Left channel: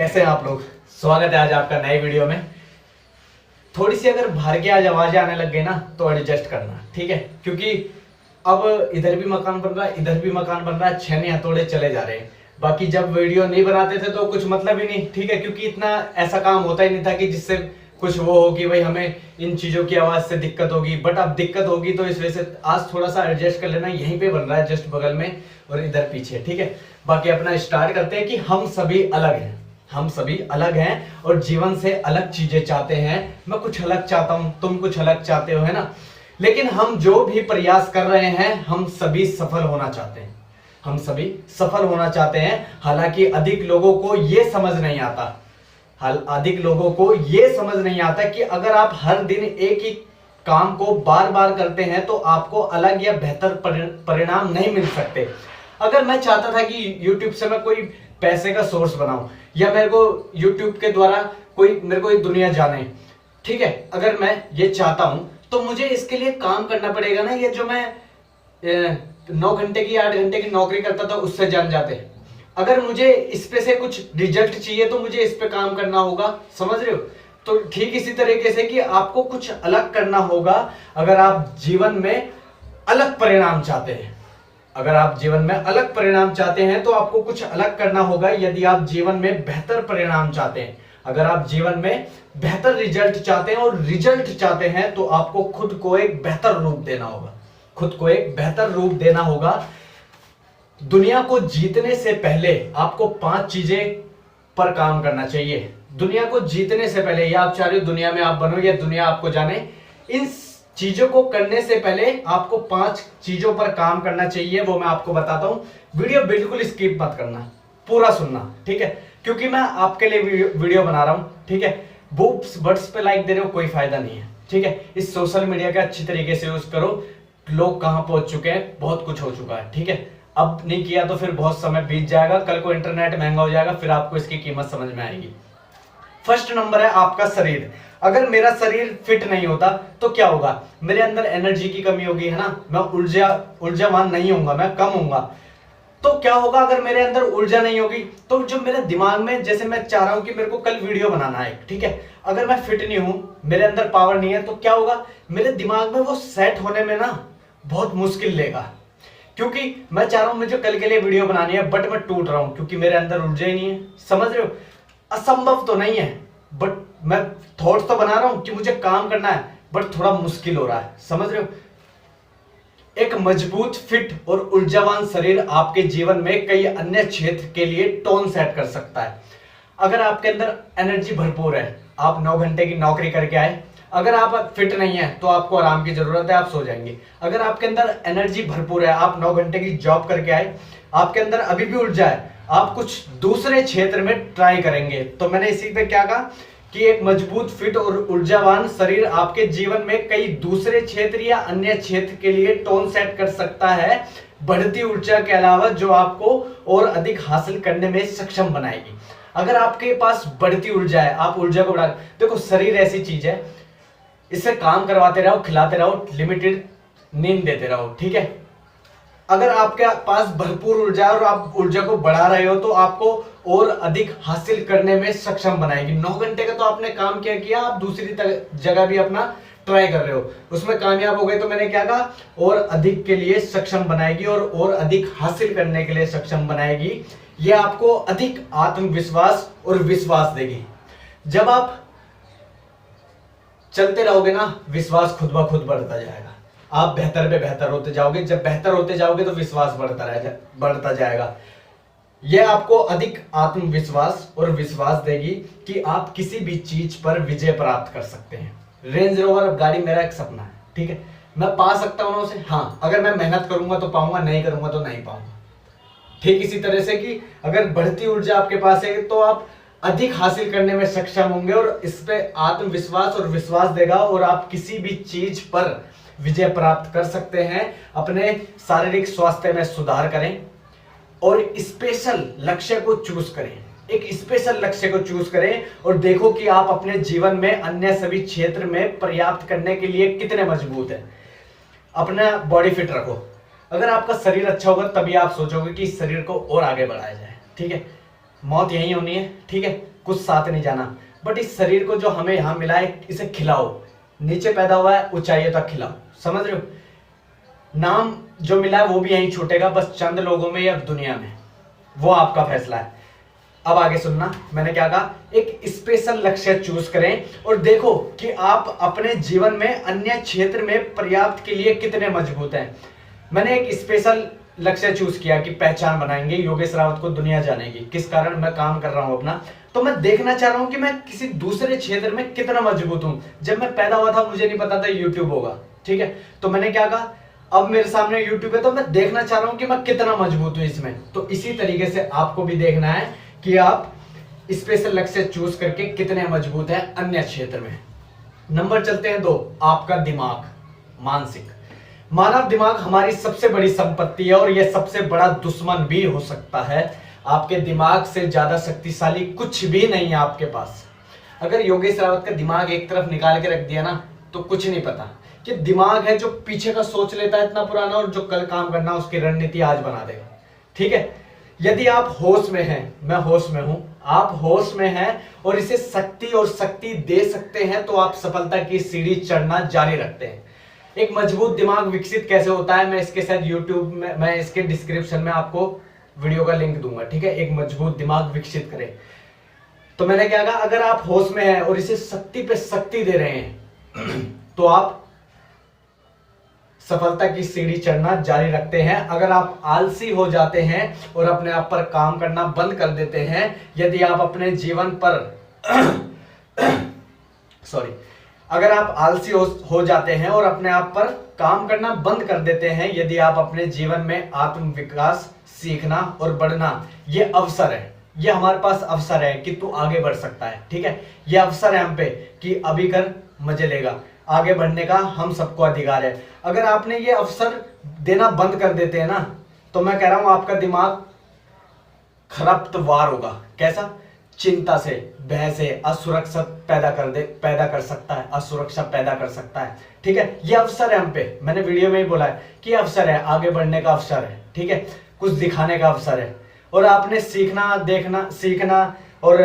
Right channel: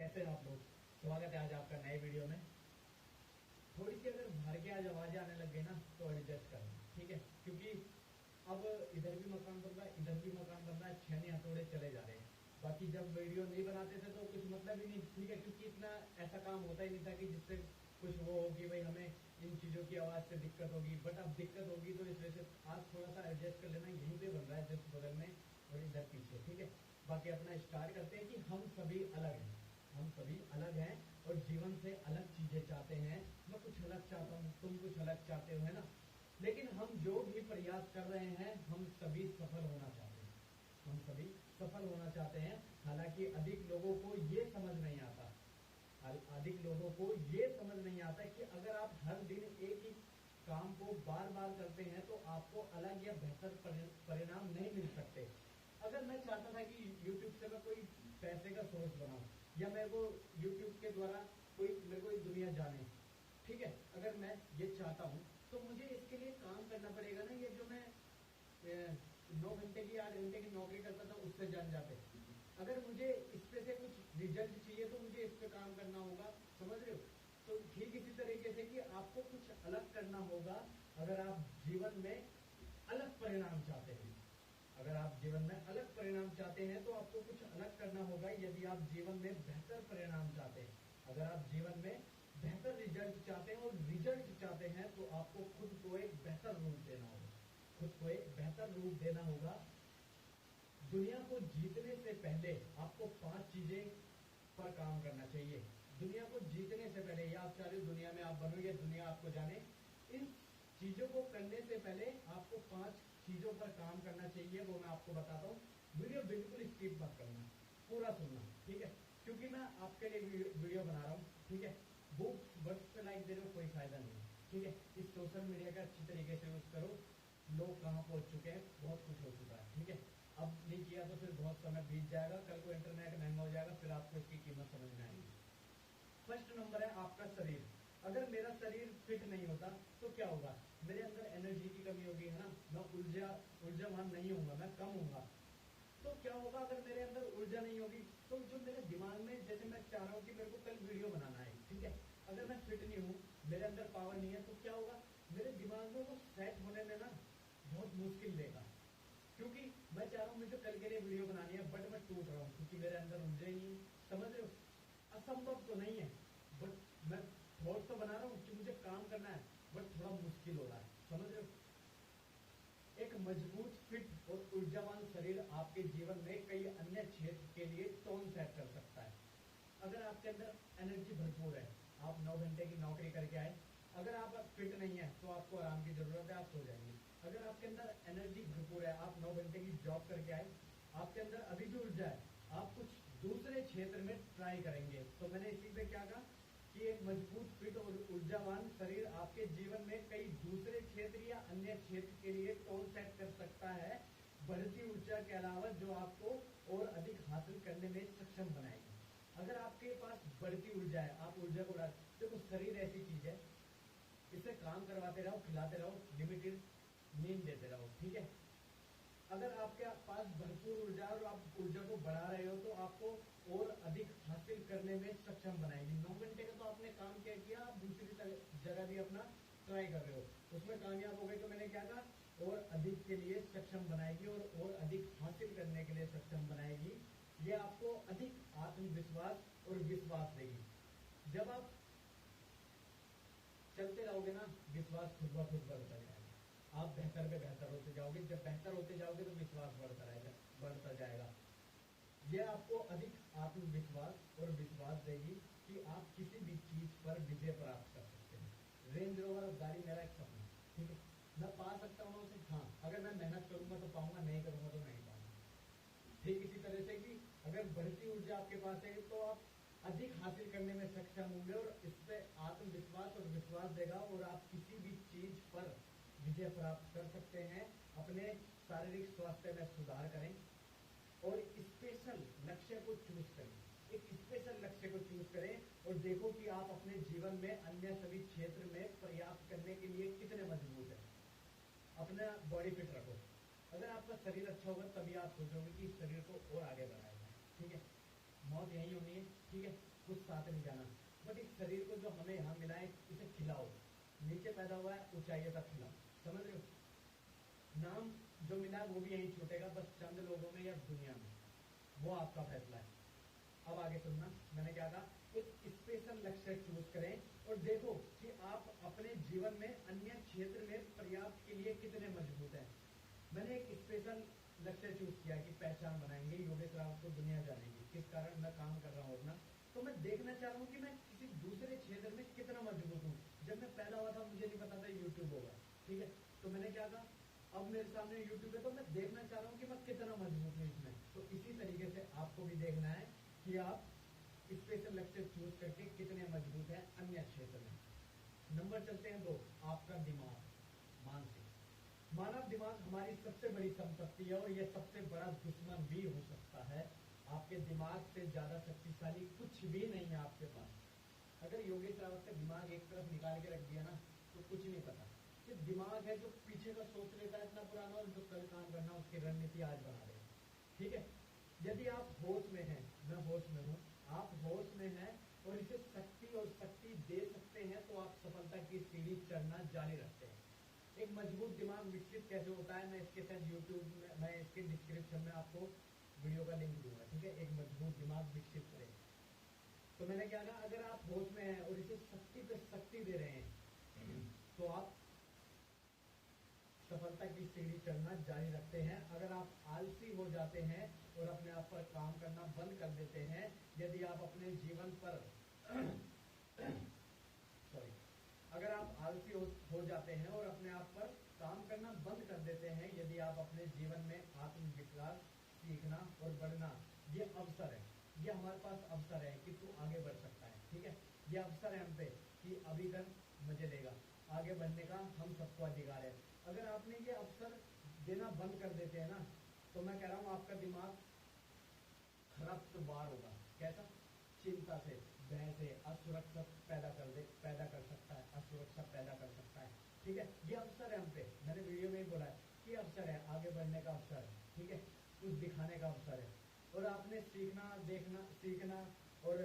कैसे हैं आप लोग। स्वागत है आज आपका नए वीडियो में। थोड़ी सी अगर बाहर की आज आवाजें आने लग गई ना तो एडजस्ट करना, ठीक है, क्योंकि अब इधर भी मकान बन रहा है, इधर भी मकान बन रहा है, छेने हथौड़े चले जा रहे हैं। बाकी जब वीडियो नहीं बनाते थे तो कुछ मतलब ही नहीं, ठीक है, क्योंकि इतना ऐसा काम होता ही नहीं था कि जिससे कुछ वो हो कि भाई हमें इन चीजों की आवाज से दिक्कत होगी। बट अब दिक्कत होगी तो इस वजह से आज थोड़ा सा एडजस्ट कर लेना। यहीं पे बन रहा है जस्ट बगल में और इधर पीछे, ठीक है। बाकी अपना स्टार्ट करते हैं कि हम सभी अलग हैं, हम सभी अलग हैं और जीवन से अलग चीजें चाहते हैं। मैं कुछ अलग चाहता हूं, तुम कुछ अलग चाहते हो, है ना। लेकिन हम जो भी प्रयास कर रहे हैं हम सभी सफल होना चाहते हैं, हम सभी सफल होना चाहते हैं। हालांकि अधिक लोगों को यह समझ नहीं आता, अधिक लोगों को यह समझ नहीं आता कि अगर आप हर दिन एक ही काम को बार बार करते हैं तो आपको अलग या बेहतर परिणाम नहीं मिल सकते। अगर मैं चाहता था कि YouTube से मैं कोई पैसे का सोर्स बनाऊं या मेरे को YouTube के द्वारा कोई मेरे को ये दुनिया जाने, ठीक है, अगर मैं ये चाहता हूं तो मुझे इसके लिए काम करना पड़ेगा ना। ये जो मैं 9 घंटे की 8 घंटे की नौकरी करता था उससे जान जाते। अगर मुझे इस पे से कुछ रिजल्ट चाहिए तो मुझे इस पे काम करना होगा, समझ रहे हो। तो ठीक इसी तरीके से कि आपको कुछ अलग करना होगा अगर आप जीवन में अलग परिणाम चाहते हैं। अगर आप जीवन में अलग परिणाम चाहते हैं तो आपको कुछ अलग करना होगा। यदि आप जीवन में बेहतर परिणाम चाहते हैं, अगर आप जीवन में बेहतर रिजल्ट चाहते हैं और रिजल्ट चाहते हैं तो आपको खुद को एक बेहतर रूप देना होगा, खुद को एक बेहतर रूप देना होगा। दुनिया को जीतने से पहले आपको 5 चीजें पर काम करना चाहिए। दुनिया को जीतने से पहले, या आप चाह रहे हो दुनिया में आप बनो या दुनिया आपको जाने, इन चीजों को करने से पहले आपको 5 चीजों पर काम करना चाहिए। वो मैं आपको बताता हूं। वीडियो बिल्कुल स्किप मत करना, पूरा सुनना, ठीक है, क्योंकि मैं आपके लिए वीडियो बना रहा हूं, ठीक है। बुक्स बर्ड्स पे लाइक दे रहे हो कोई फायदा नहीं है, ठीक है। इस सोशल मीडिया का अच्छी तरीके से यूज करो। लोग कहां पहुंच चुके हैं, बहुत कुछ हो चुका है, ठीक है। अब नहीं किया तो फिर बहुत समय बीत जाएगा, कल को इंटरनेट महंगा हो जाएगा, फिर आपको इसकी कीमत समझ में आएगी। फर्स्ट नंबर है आपका शरीर। अगर मेरा शरीर फिट नहीं होता तो क्या होगा, मेरे अंदर एनर्जी की कमी होगी, है ना, मैं ऊर्जावान नहीं होऊंगा, मैं कम होऊंगा। तो क्या होगा अगर मेरे अंदर ऊर्जा नहीं होगी तो जो मेरे दिमाग में, जैसे मैं चाह रहा हूं कि मेरे को कल वीडियो बनाना है, ठीक है, अगर मैं फिट नहीं हूं, मेरे अंदर पावर नहीं है, तो क्या होगा, मेरे दिमाग में वो सेट होने में ना बहुत मुश्किल लेगा। क्योंकि मैं चाह रहा हूं मुझे कल के लिए वीडियो बनानी है बट मैं टूट रहा हूं क्योंकि मेरे अंदर ऊर्जा ही नहीं है, समझ रहे हो। असंभव तो नहीं है बट मैं थॉट्स तो बना रहा हूं कि मुझे काम करना है बट थोड़ा मुश्किल हो रहा है, समझ रहे हो। एक मजबूत, फिट और ऊर्जावान शरीर आपके जीवन में कई अन्य क्षेत्र के लिए टोन सेट कर सकता है। अगर आपके अंदर एनर्जी भरपूर है, आप 9 घंटे की नौकरी करके आए, अगर आप फिट नहीं है तो आपको आराम की जरूरत है, आप सो जाएंगे। अगर आपके अंदर एनर्जी भरपूर है, आप 9 घंटे की जॉब करके आए, आपके अंदर अभी भी ऊर्जा है, आप कुछ दूसरे क्षेत्र में ट्राई करेंगे। तो मैंने इसी पे क्या कहा कि एक मजबूत, फिट और ऊर्जावान शरीर आपके जीवन में कई दूसरे क्षेत्र या अन्य क्षेत्र के लिए टोन सेट कर सकता है, बढ़ती ऊर्जा के अलावा, जो आपको और अधिक हासिल करने में सक्षम बनाएगी। अगर आपके पास बढ़ती ऊर्जा है, आप ऊर्जा को बढ़ा, देखो शरीर ऐसी चीज है, इससे काम करवाते रहो, खिलाते रहो, लिमिटेड नींद देते रहो, ठीक है। अगर आपके पास भरपूर ऊर्जा है और आप ऊर्जा को बढ़ा रहे हो तो आपको और अधिक हासिल करने में सक्षम बनाएगी। 9 घंटे का तो आपने काम क्या किया, आप दूसरी जगह भी अपना ट्राई कर रहे हो, उसमें कामयाब हो गए तो मैंने क्या कहा, और अधिक के लिए सक्षम बनाएगी और अधिक हासिल करने के लिए सक्षम बनाएगी। यह आपको अधिक आत्मविश्वास और विश्वास देगी। जब आप चलते रहोगे ना, विश्वास खुद ब खुद बढ़ता जाएगा, आप बेहतर पे बेहतर होते जाओगे। जब बेहतर होते जाओगे तो विश्वास बढ़ता जाएगा। यह आपको अधिक आत्मविश्वास और विश्वास देगी कि आप किसी भी चीज पर विजय प्राप्त कर सकते हैं। रेंज रोवर गाड़ी मेरा एक सपना है, ठीक है, मैं पा सकता हूं उसे, हाँ, अगर मैं मेहनत करूंगा तो पाऊंगा, नहीं करूंगा तो नहीं पाऊंगा। ठीक इसी तरह से कि अगर बढ़ती ऊर्जा आपके पास है तो आप अधिक हासिल करने में सक्षम होंगे और इस पे आत्मविश्वास और विश्वास देगा और आप किसी भी चीज पर विजय प्राप्त कर सकते हैं। अपने शारीरिक स्वास्थ्य में सुधार करें और स्पेशल लक्ष्य को चूज करें, एक स्पेशल लक्ष्य को चूज करें और देखो कि आप अपने जीवन में अन्य सभी क्षेत्र में पर्याप्त करने के लिए कितने मजबूत हैं। अपना बॉडी फिट रखो। अगर आपका शरीर अच्छा होगा तभी आप सोचोगे कि इस शरीर को और आगे बढ़ाया जाए, ठीक है। मौत यहीं होनी है, ठीक है, कुछ साथ नहीं जाना। बट इस शरीर को जो हमें यहाँ मिला है इसे खिलाओ, नीचे पैदा हुआ है ऊंचाइयों तक खिलाओ, समझ रहे हो। नाम जो मिला है वो भी यहीं छूटेगा, बस चंद लोगों में या दुनिया में, वो आपका फैसला है। अब आगे सुनना, मैंने क्या कहा, एक स्पेशल लक्ष्य चूज करें और देखो कि आप अपने जीवन में अन्य क्षेत्र में पर्याप्त के लिए कितने मजबूत हैं। मैंने एक स्पेशल लक्ष्य चूज किया कि पहचान बनाएंगे, योगेश रावत को दुनिया जानेगी, किस कारण मैं काम कर रहा हूं अपना, तो मैं देखना चाह रहा हूं कि मैं किसी दूसरे क्षेत्र में कितना मजबूत हूं। जब मैं पैदा हुआ था मुझे नहीं पता था यूट्यूब होगा, ठीक है, तो मैंने क्या कहा, अब मेरे सामने यूट्यूब है तो मैं देखना चाह रहा हूं कि मैं कितना मजबूत हूं इसमें। तो इसी तरीके से आपको भी देखना है कि आप स्पेशल लक्ष्य चूज करके कितने मजबूत हैं अन्य क्षेत्र में। नंबर चलते हैं 2, आपका दिमाग, मानसिक। मानव दिमाग हमारी सबसे बड़ी संपत्ति है और यह सबसे बड़ा दुश्मन भी हो सकता है। आपके दिमाग से ज्यादा शक्तिशाली कुछ भी नहीं है आपके पास। अगर योगेश रावत का दिमाग एक तरफ निकाल के रख दिया ना तो कुछ नहीं पता, कि दिमाग है जो पीछे का सोच लेता है इतना पुराना, और जो कल काम करना उसकी रणनीति आज बना देगा, ठीक है। यदि आप होश में हैं, मैं होश में हूं, आप होश में हैं और इसे शक्ति और शक्ति दे सकते हैं, तो आप सफलता की सीढ़ी चढ़ना जारी रखते हैं। एक मजबूत दिमाग विकसित कैसे होता है, मैं इसके साथ यूट्यूब में, मैं इसके डिस्क्रिप्शन में आपको वीडियो का लिंक दूंगा, ठीक है। एक मजबूत दिमाग विकसित करें, तो मैंने क्या कहा, अगर आप होश में हैं और इसे शक्ति पे शक्ति दे रहे हैं तो आप सफलता की सीढ़ी चढ़ना जारी रखते हैं। अगर आप आलसी हो जाते हैं और अपने आप पर काम करना बंद कर देते हैं, यदि आप अपने जीवन पर सॉरी अगर आप आलसी हो जाते हैं और अपने आप पर काम करना बंद कर देते हैं, यदि आप अपने जीवन में आत्म विकास, सीखना और बढ़ना, ये अवसर है, ये हमारे पास अवसर है कि तू आगे बढ़ सकता है, ठीक है। ये अवसर है हम पे कि अभी कर मजे लेगा, आगे बढ़ने का हम सबको अधिकार है। अगर आपने ये अवसर देना बंद कर देते हैं ना, तो मैं कह रहा हूं आपका दिमाग खरपतवार होगा। कैसा? चिंता से, भय से, असुरक्षा पैदा कर सकता है, असुरक्षा पैदा कर सकता है, ठीक है। ये अवसर है हम पे, मैंने वीडियो में ही बोला है कि अवसर है, आगे बढ़ने का अवसर है, ठीक है, कुछ दिखाने का अवसर है। और आपने सीखना, देखना, सीखना और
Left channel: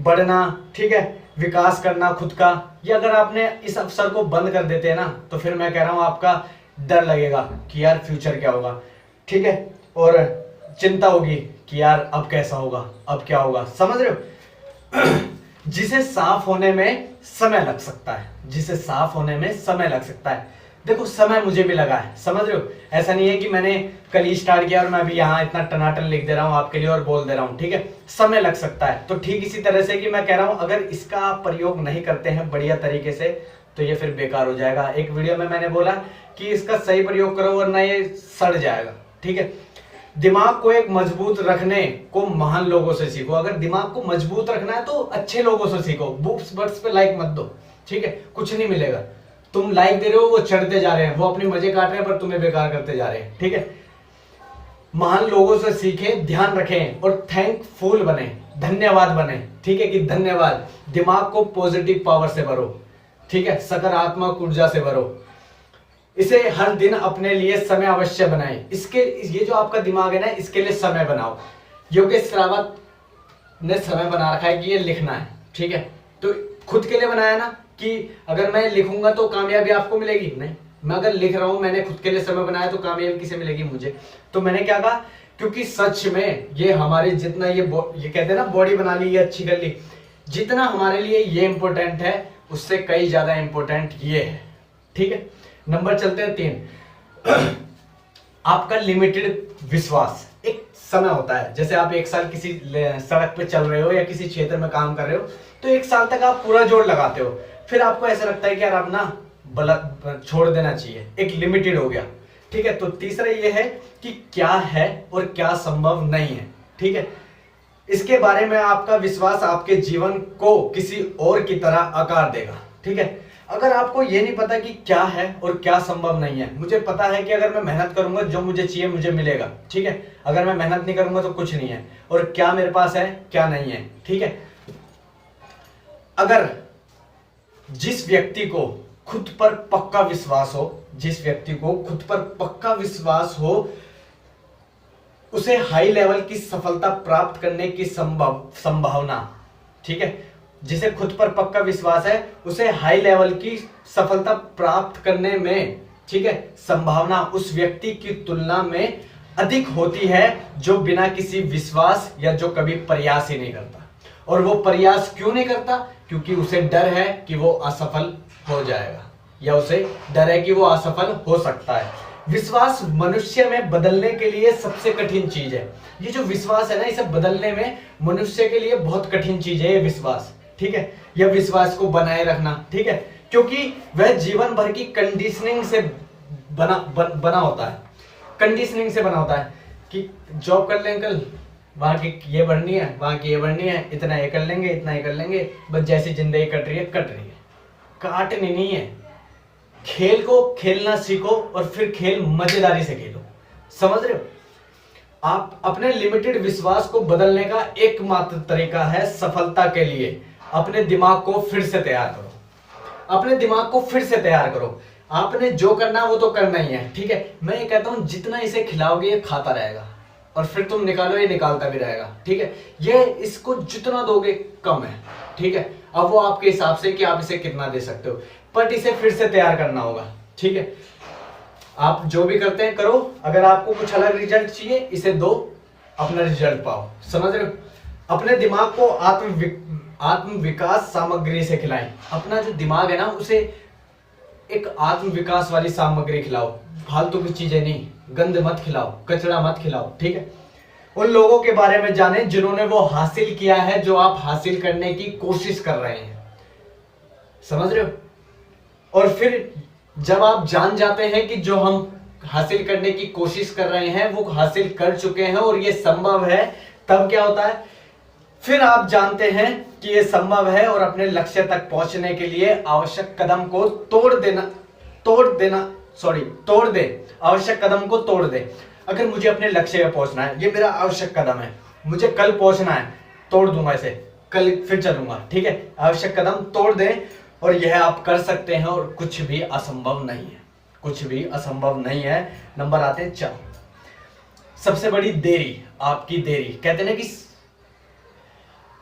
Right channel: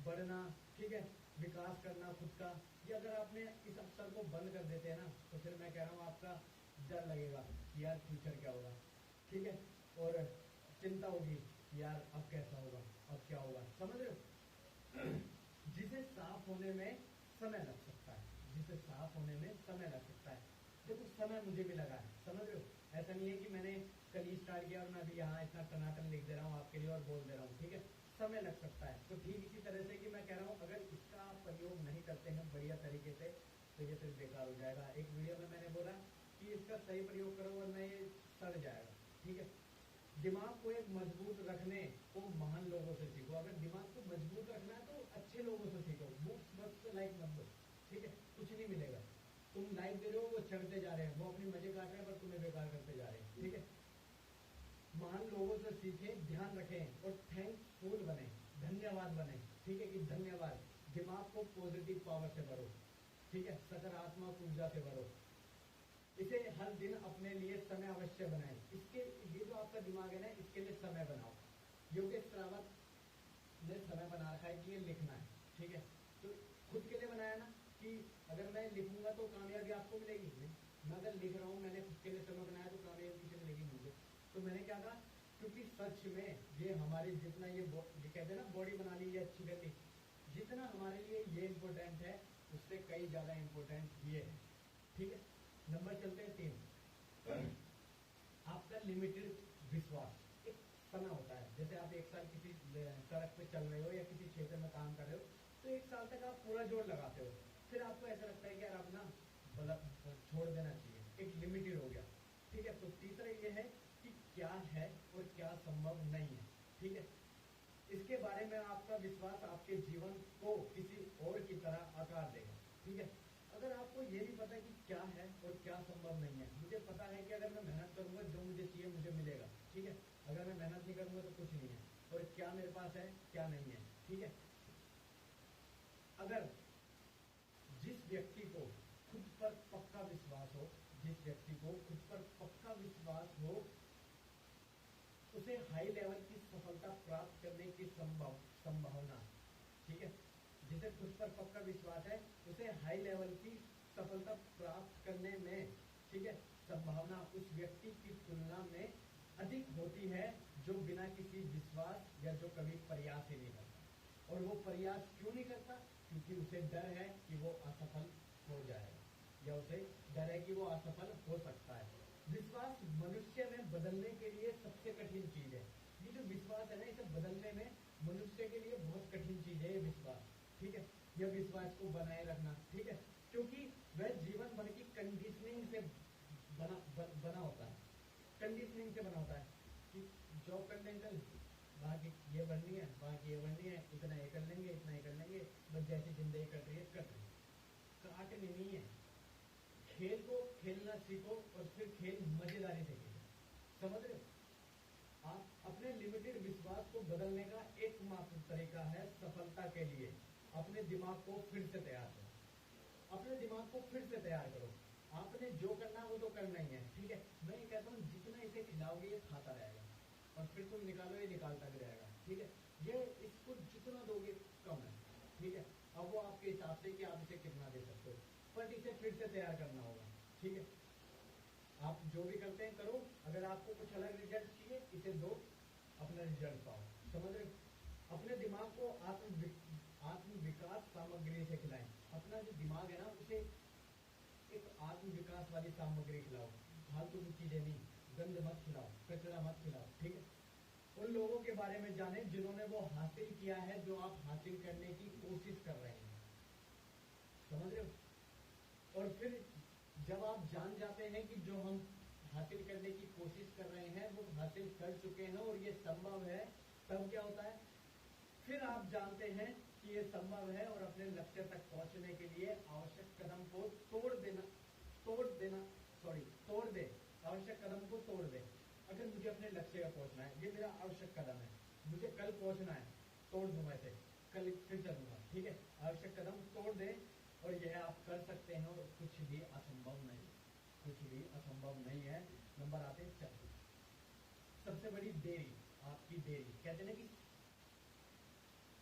बढ़ना, ठीक है, विकास करना खुद का, ये अगर आपने इस अवसर को बंद कर देते हैं ना, तो फिर मैं कह रहा हूं आपका डर लगेगा कि यार फ्यूचर क्या होगा, ठीक है, और चिंता होगी कि यार अब कैसा होगा, अब क्या होगा, समझ रहे हो। जिसे साफ होने में समय लग सकता है, जिसे साफ होने में समय लग सकता है। देखो समय मुझे भी लगा है, समझ रहे हो, ऐसा नहीं है कि मैंने कल ही स्टार्ट किया और मैं अभी यहाँ इतना टनाटन लिख दे रहा हूँ आपके लिए और बोल दे रहा हूँ, ठीक है, समय लग सकता है। तो ठीक इसी तरह से कि मैं कह रहा हूँ अगर इसका आप प्रयोग नहीं करते हैं बढ़िया तरीके से तो ये फिर बेकार हो जाएगा। एक वीडियो में मैंने बोला कि इसका सही प्रयोग करो वरना ये सड़ जाएगा, ठीक है। दिमाग को एक मजबूत रखने को महान लोगों से सीखो। अगर दिमाग को मजबूत रखना है तो अच्छे लोगों से सीखो। बुक्स बट्स पे लाइक मत दो, ठीक है, कुछ नहीं मिलेगा। तुम लाइक दे रहे हो, वो चढ़ते जा रहे हैं, वो अपने मजे काट रहे हैं पर तुम्हें बेकार करते जा रहे हैं, ठीक है। महान लोगों से सीखें, ध्यान रखें और थैंकफुल बने, धन्यवाद बने, ठीक है, कि धन्यवाद। दिमाग को पॉजिटिव पावर से भरो, ठीक है, सकारात्मक ऊर्जा से भरो। इसे हर दिन अपने लिए समय अवश्य बनाएं। इसके ये जो आपका दिमाग है ना, इसके लिए समय बनाओ। योगेश रावत ने समय बना रखा है कि ये लिखना है, ठीक है, तो खुद के लिए बनाया ना कि अगर मैं लिखूंगा तो कामयाबी आपको मिलेगी, नहीं, मैं अगर लिख रहा हूं, मैंने खुद के लिए समय बनाया तो कामयाबी किसे मिलेगी? मुझे। तो मैंने क्या कहा, क्योंकि सच में ये हमारे जितना ये कहते हैं ना बॉडी बना ली, ये अच्छी कर ली, जितना हमारे लिए ये इंपॉर्टेंट है उससे कई ज्यादा इंपॉर्टेंट ये है, ठीक है। नंबर चलते हैं 3, आपका लिमिटेड विश्वास। एक समय होता है, जैसे आप एक साल किसी सड़क पे चल रहे हो या किसी क्षेत्र में काम कर रहे हो, तो एक साल तक आप पूरा जोर लगाते हो, फिर आपको ऐसा लगता है कि यार अब ना छोड़ देना चाहिए, एक लिमिटेड हो गया, ठीक है। तो तीसरा ये है कि क्या है और क्या संभव नहीं है, ठीक है। इसके बारे में आपका विश्वास आपके जीवन को किसी और की तरह आकार देगा, ठीक है। अगर आपको ये नहीं पता कि क्या है और क्या संभव नहीं है, मुझे पता है कि अगर मैं मेहनत करूंगा जो मुझे चाहिए मुझे मिलेगा, ठीक है, अगर मैं मेहनत नहीं करूंगा तो कुछ नहीं है, और क्या मेरे पास है क्या नहीं है, ठीक है। अगर जिस व्यक्ति को खुद पर पक्का विश्वास हो, जिस व्यक्ति को खुद पर पक्का विश्वास हो, उसे हाई लेवल की सफलता प्राप्त करने की संभावना, ठीक है, जिसे खुद पर पक्का विश्वास है, उसे हाई लेवल की सफलता प्राप्त करने में, ठीक है, संभावना उस व्यक्ति की तुलना में अधिक होती है जो बिना किसी विश्वास या जो कभी प्रयास ही नहीं करता। और वो प्रयास क्यों नहीं करता? क्योंकि उसे डर है कि वो असफल हो जाएगा, या उसे डर है कि वो असफल हो सकता है। विश्वास मनुष्य में बदलने के लिए सबसे कठिन चीज है। ये जो विश्वास है ना, इसे बदलने में मनुष्य के लिए बहुत कठिन चीज है ये विश्वास, ठीक है। यह विश्वास को बनाए रखना, ठीक है, क्योंकि वह जीवन भर की कंडीशनिंग से बना होता है। कंडीशनिंग से बना होता है कि जॉब कर लें अंकल, वहां की ये बढ़नी है, वहां की ये बढ़नी है, इतना ये कर लेंगे, इतना ये कर लेंगे, बस जैसी जिंदगी कट रही है कट रही है, काटनी नहीं है। खेल को खेलना सीखो और फिर खेल मजेदारी से खेलो, समझ रहे हो? आप अपने लिमिटेड विश्वास को बदलने का एकमात्र तरीका है सफलता के लिए अपने दिमाग को फिर से तैयार करो। अपने दिमाग को फिर से तैयार करो। आपने जो करना वो तो करना ही है, ठीक है। मैं ये कहता हूं जितना इसे खिलाओगे ये खाता रहेगा, और फिर तुम निकालो ये निकालता भी रहेगा, ठीक है। ये इसको जितना दोगे कम है, ठीक है। अब वो आपके हिसाब से कि आप इसे कितना दे सकते हो, बट इसे फिर से तैयार करना होगा, ठीक है। आप जो भी करते हैं करो, अगर आपको कुछ अलग रिजल्ट चाहिए इसे दो, अपना रिजल्ट पाओ, समझ रहे हो? अपने दिमाग को आत्म विकास सामग्री से खिलाएं। अपना जो दिमाग है ना उसे एक आत्म विकास वाली सामग्री खिलाओ, फालतू की चीजें नहीं, गंद मत खिलाओ, कचरा मत खिलाओ, ठीक है। उन लोगों के बारे में जाने जिन्होंने वो हासिल किया है जो आप हासिल करने की कोशिश कर रहे हैं, समझ रहे हो? और फिर जब आप जान जाते हैं कि जो हम हासिल करने की कोशिश कर रहे हैं वो हासिल कर चुके हैं और ये संभव है, तब क्या होता है? फिर आप जानते हैं कि ये संभव है और अपने लक्ष्य तक पहुंचने के लिए आवश्यक कदम को तोड़ दे, आवश्यक कदम को तोड़ दे। अगर मुझे अपने लक्ष्य पे पहुंचना है, ये मेरा आवश्यक कदम है, मुझे कल पहुंचना है, तोड़ दूंगा इसे, कल फिर चलूंगा, ठीक है। आवश्यक कदम तोड़ दे, और यह आप कर सकते हैं और कुछ भी असंभव नहीं है, कुछ भी असंभव नहीं है। नंबर आते हैं 4, सबसे बड़ी देरी, आपकी देरी। कहते हैं कि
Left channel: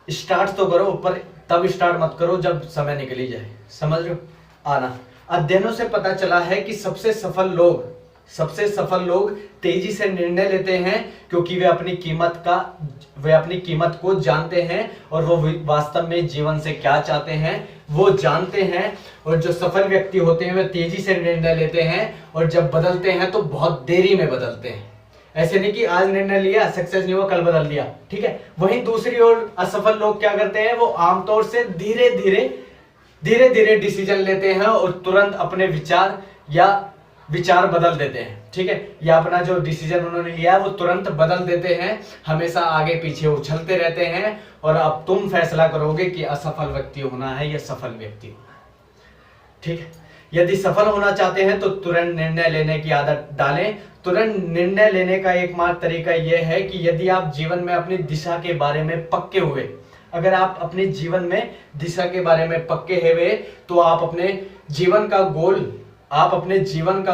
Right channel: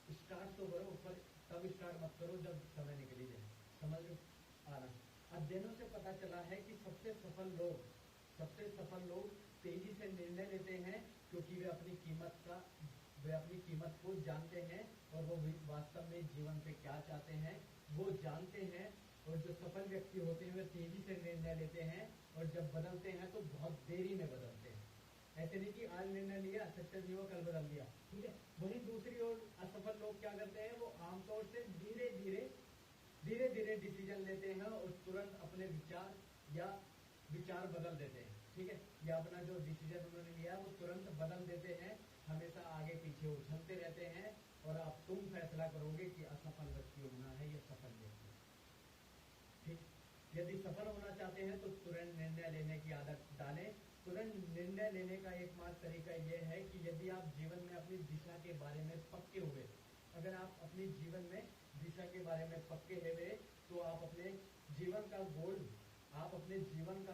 स्टार्ट तो करो, पर तब स्टार्ट मत करो जब समय निकल ही जाए, समझ रहे हो? आना अध्ययनों से पता चला है कि सबसे सफल लोग तेजी से निर्णय लेते हैं क्योंकि वे अपनी कीमत को जानते हैं और वो वास्तव में जीवन से क्या चाहते हैं वो जानते हैं। और जो सफल व्यक्ति होते हैं वे तेजी से निर्णय लेते हैं, और जब बदलते हैं तो बहुत देरी में बदलते हैं। ऐसे नहीं कि आज निर्णय लिया, सक्सेस नहीं हुआ, कल बदल दिया, ठीक है। वहीं दूसरी ओर असफल लोग क्या करते हैं? वो आमतौर से धीरे धीरे डिसीजन लेते हैं और तुरंत अपने विचार बदल देते हैं, ठीक है। या अपना जो डिसीजन उन्होंने लिया है वो तुरंत बदल देते हैं, हमेशा आगे पीछे उछलते रहते हैं। और अब तुम फैसला करोगे कि असफल व्यक्ति होना है या सफल व्यक्ति होना है, ठीक है। यदि सफल होना चाहते हैं तो तुरंत निर्णय लेने की आदत डालें। तुरंत निर्णय लेने का एकमात्र तरीका यह है कि यदि आप जीवन में अपनी दिशा के बारे में पक्के हुए, अगर आप अपने जीवन में दिशा के बारे में पक्के हुए, तो आप अपने जीवन का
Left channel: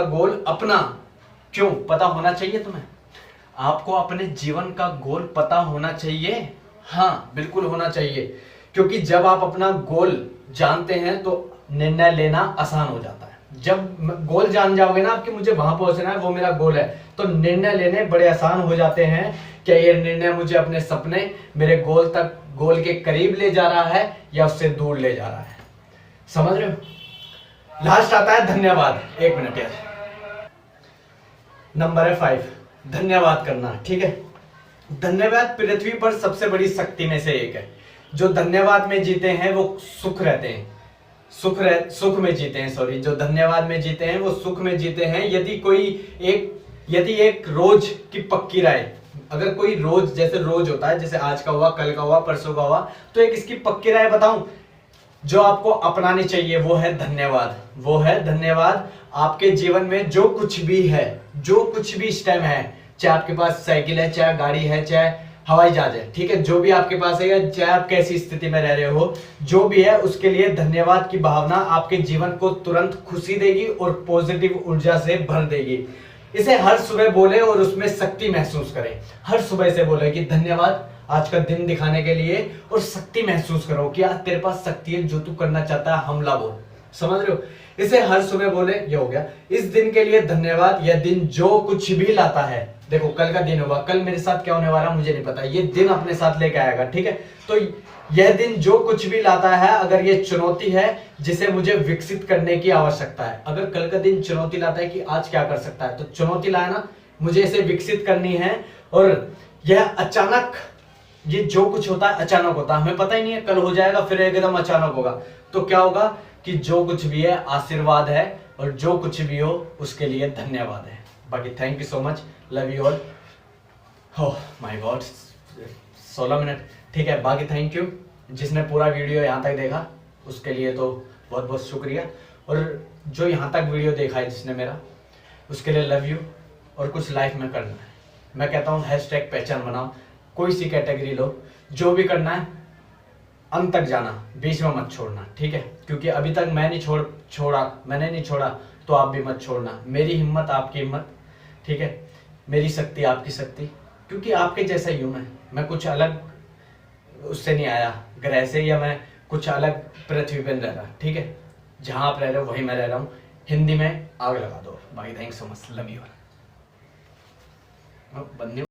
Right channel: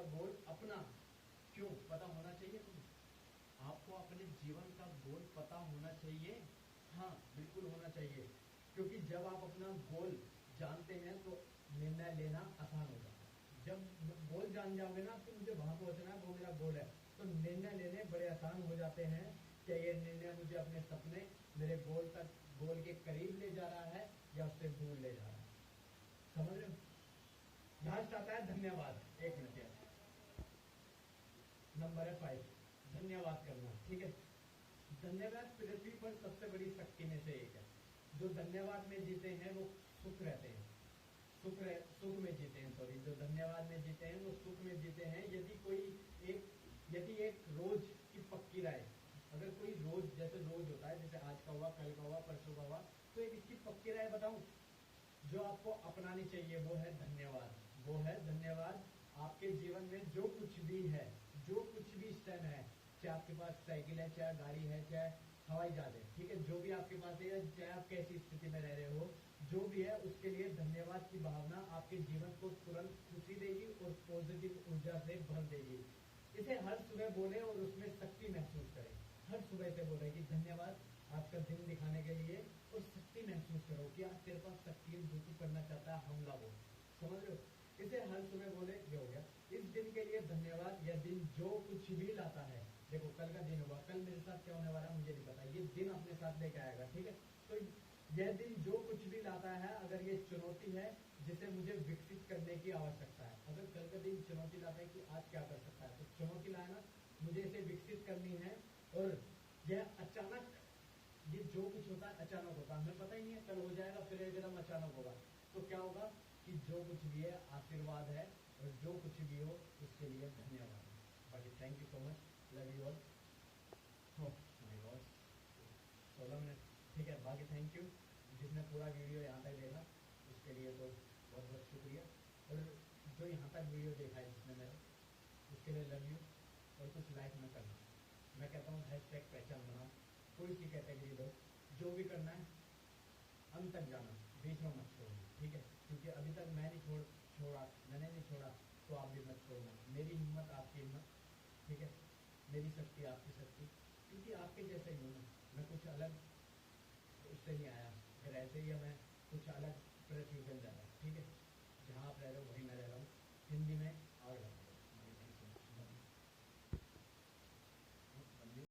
गोल अपना क्यों पता होना चाहिए तुम्हें? आपको अपने जीवन का गोल पता होना चाहिए, हाँ बिल्कुल होना चाहिए, क्योंकि जब आप अपना गोल जानते हैं तो निर्णय लेना आसान हो जाता है। जब गोल जान जाओगे ना आपके, मुझे वहां पहुंचना है, वो मेरा गोल है, तो निर्णय लेने बड़े आसान हो जाते हैं। क्या ये निर्णय मुझे अपने सपने, मेरे गोल के करीब ले जा रहा है या उससे दूर ले जा रहा है? समझ रहे हो? लास्ट आता है धन्यवाद। 1 मिनट यार। नंबर है 5, धन्यवाद करना, ठीक है। धन्यवाद पृथ्वी पर सबसे बड़ी शक्ति में से एक है। जो धन्यवाद में जीते हैं वो सुख रहते हैं, सुख में जीते हैं, सॉरी, जो धन्यवाद में जीते हैं वो सुख में जीते हैं। यदि एक रोज की पक्की राय, अगर कोई रोज, जैसे रोज होता है, जैसे आज का हुआ, कल का हुआ, परसों का हुआ, तो एक इसकी पक्की राय बताऊं जो आपको अपनानी चाहिए, वो है धन्यवाद। आपके जीवन में जो कुछ भी है, जो कुछ भी इस टाइम है, चाहे आपके पास साइकिल है, चाहे गाड़ी है, चाहे हवाई जहाज है, ठीक है, जो भी आपके पास है, या चाहे आप कैसी स्थिति में रह रहे हो, जो भी है, उसके लिए धन्यवाद की भावना आपके जीवन को तुरंत खुशी देगी और पॉजिटिव ऊर्जा से भर देगी। इसे हर सुबह बोले और उसमें शक्ति महसूस करें। हर सुबह से बोले कि धन्यवाद आज का दिन दिखाने के लिए, और शक्ति महसूस करो कि आज तेरे पास शक्ति है, जो तू करना चाहता है हमला बोल। समझ रहे हो? इसे हर सुबह बोले। ये हो गया। इस दिन के लिए धन्यवाद। यह दिन जो कुछ भी लाता है, देखो कल का दिन होगा, कल मेरे साथ क्या होने वाला मुझे नहीं पता, ये दिन अपने साथ लेके आएगा। ठीक है, तो यह दिन जो कुछ भी लाता है, अगर ये चुनौती है जिसे मुझे विकसित करने की आवश्यकता है, अगर कल का दिन चुनौती लाता है कि आज क्या कर सकता है, तो चुनौती लाया ना, मुझे इसे विकसित करनी है। और यह अचानक, ये जो कुछ होता है अचानक होता है, हमें पता ही नहीं है कल हो जाएगा, फिर एकदम अचानक होगा। तो क्या होगा कि जो कुछ भी है आशीर्वाद है, और जो कुछ भी हो उसके लिए धन्यवाद है। बाकी thank you so much, love you all. Oh my God, 16 minute. ठीक है, बाकी थैंक यू जिसने पूरा वीडियो यहाँ तक देखा, उसके लिए तो बहुत बहुत शुक्रिया। और जो यहाँ तक वीडियो देखा है जिसने मेरा, उसके लिए लव यू। और कुछ लाइफ में करना है, मैं कहता हूँ हैशटैग पहचान बनाओ, कोई सी कैटेगरी लो, जो भी करना है अंत तक जाना, बीच में मत छोड़ना। ठीक है, क्योंकि अभी तक मैंने नहीं छोड़ा, तो आप भी मत छोड़ना। मेरी हिम्मत आपकी हिम्मत, ठीक है, मेरी शक्ति आपकी शक्ति, क्योंकि आपके जैसा ही हूं मैं कुछ अलग उससे नहीं आया ग्रह से, या मैं कुछ अलग पृथ्वी पर रह रहा। ठीक है, जहां आप रह रहे हो वहीं मैं रह रहा हूँ। हिंदी में आग लगा दो। बाकी thanks so much, love you.